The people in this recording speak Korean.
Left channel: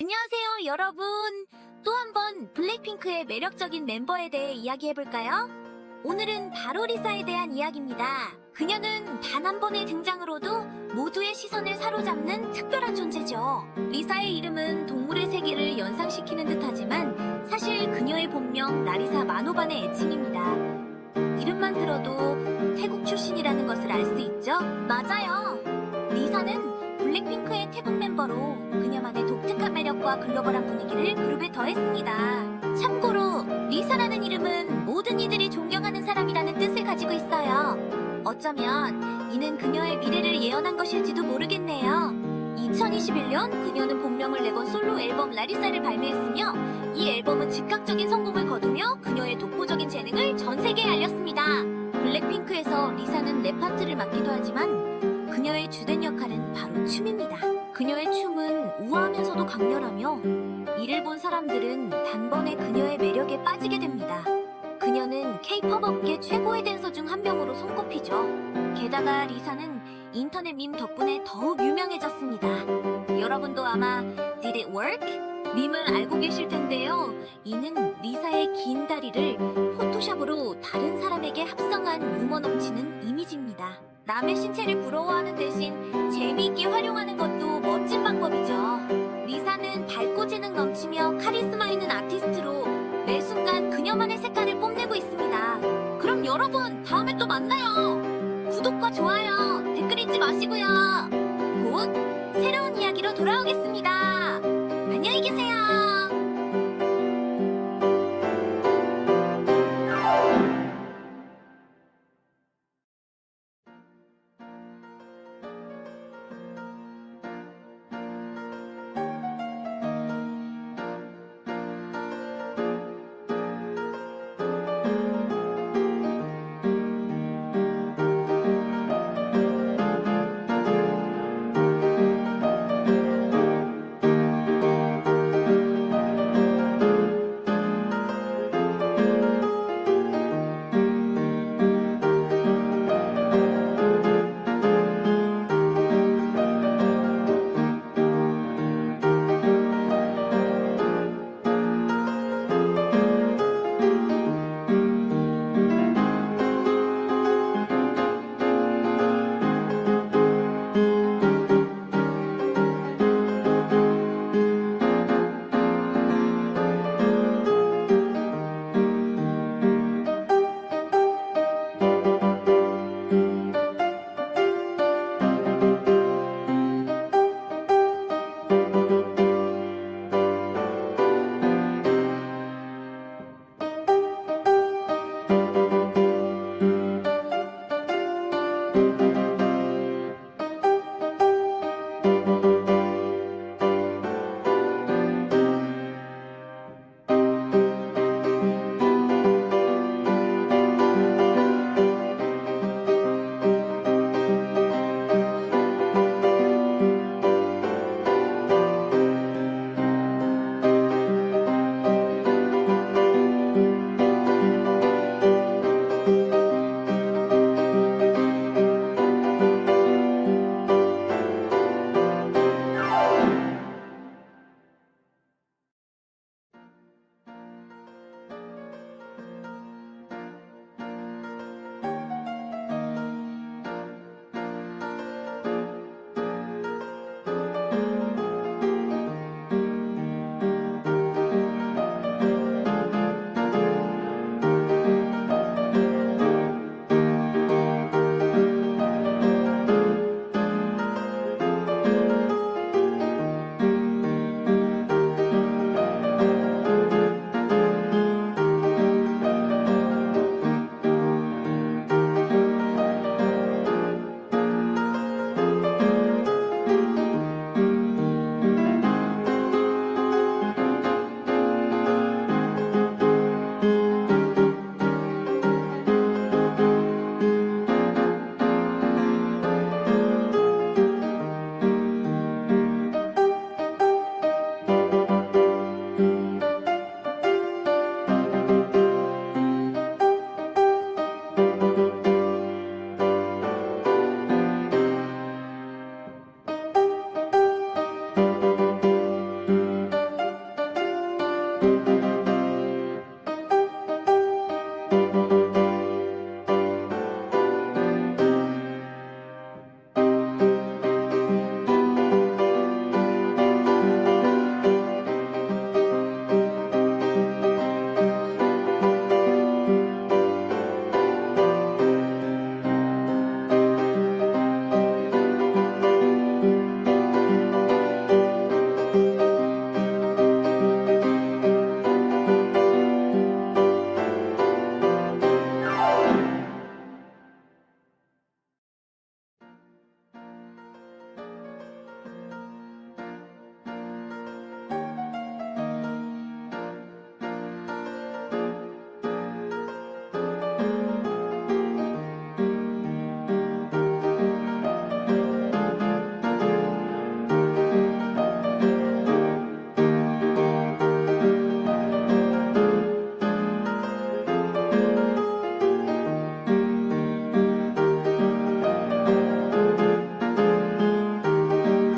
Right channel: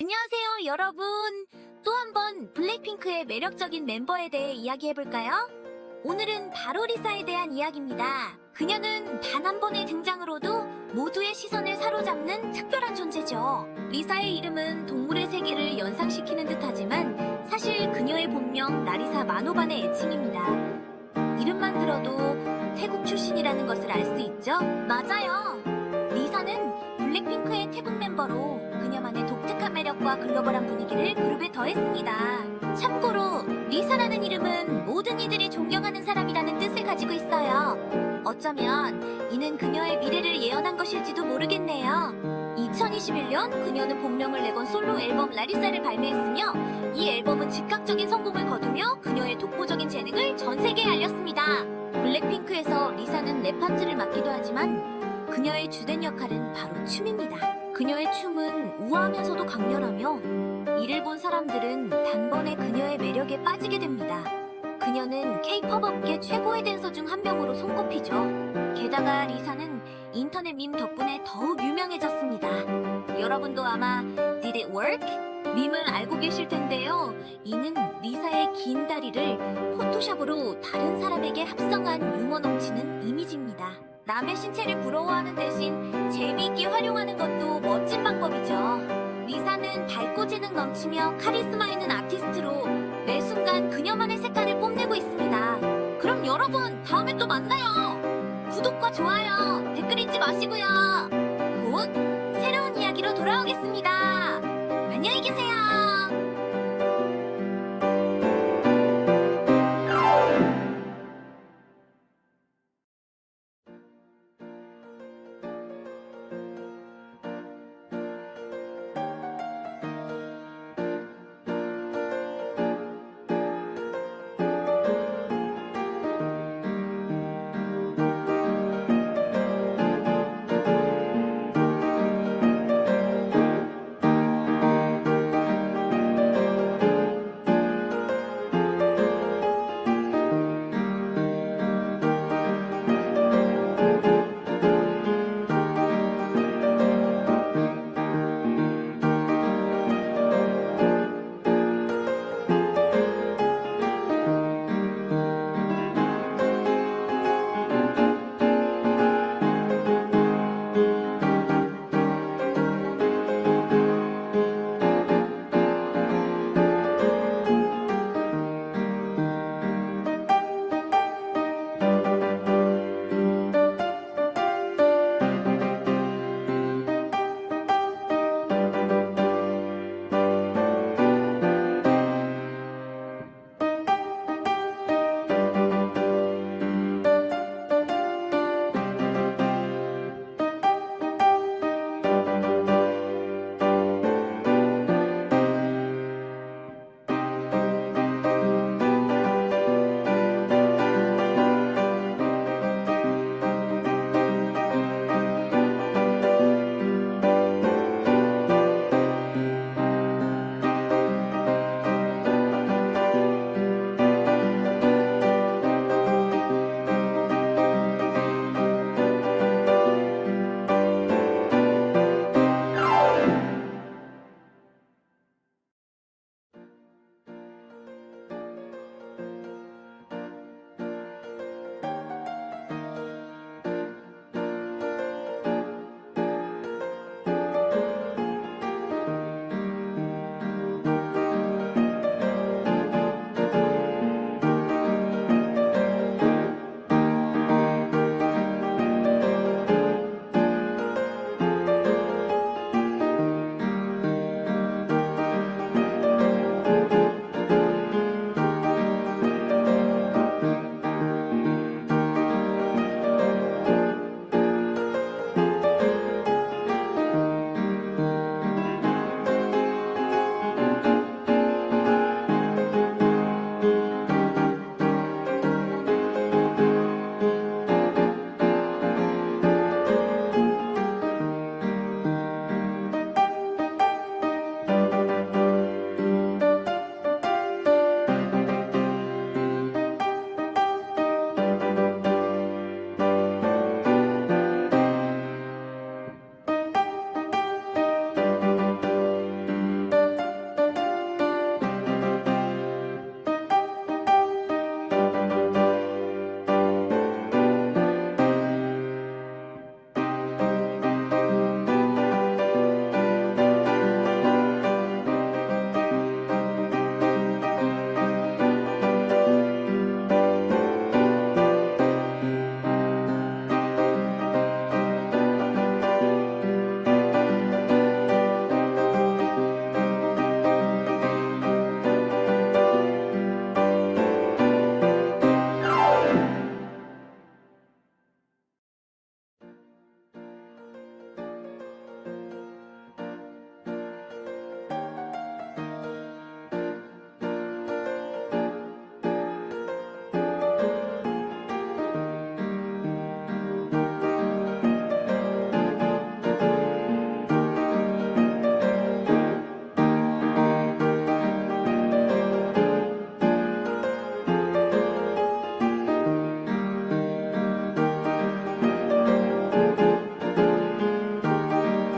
안녕하세요, 여러분. 또 한 번 블랙핑크의 매력적인 멤버에 대해 이야기해볼까요? 오늘은 바로 리사에 대한 이야기입니다. 그녀는 단 한 번의 등장으로도 모두의 시선을 사로잡는 특별한 존재죠. 리사의 이름은 동물의 세계를 연상시키는 듯하지만 사실 그녀의 본명 라리사 마노반의 애칭입니다. 이름만 들어도 태국 출신이라는 것을 알 수 있죠? 맞아요. 리사는 블랙핑크의 태국 멤버로 그녀만의 독특한 매력과 글로벌한 분위기를 그룹에 더했습니다. 참고로 리사라는 이름은 모든 이들이 존경하는 사람이라는 뜻을 가지고 있어요. 어쩌면 이는 그녀의 미래를 예언한 것일지도 모르겠네요. 2021년 그녀는 본명을 내건 솔로 앨범 라리사를 발매했으며 이 앨범은 즉각적인 성공을 거두며 그녀의 독보적인 재능을 전 세계에 알렸습니다. 블랙핑크에서 리사는 랩 파트를 맡기도 하지만 그녀의 주된 역할은 바로 춤입니다. 그녀의 춤은 우아하면서도 강렬하며 이를 본 사람들은 단번에 그녀의 매력에 빠지게 됩니다. 그녀는 K-POP 업계 최고의 댄서 중 한 명으로 손꼽히죠. 게다가 리사는 인터넷 밈 덕분에 더욱 유명해졌습니다. 여러분도 아마 Did it work? 밈을 알고 계실 텐데요. 이는 리사의 긴 다리를 포토샵으로 다른 사람에게 합성한 유머 넘치는 이미지입니다. 남의 신체를 부러워하는 대신 재미있게 활용하는 것도 멋진 방법이죠. 리사는 밝고 재능 넘치며 카리스마 있는 아티스트로 매 순간 그녀만의 색깔을 뽐내고 있습니다. 그럼 여러분, 다음에 또 만나요. 구독과 좋아요, 댓글 잊지 마시고요. 곧 새로운 이야기로 돌아오겠습니다. 안녕히 계세요.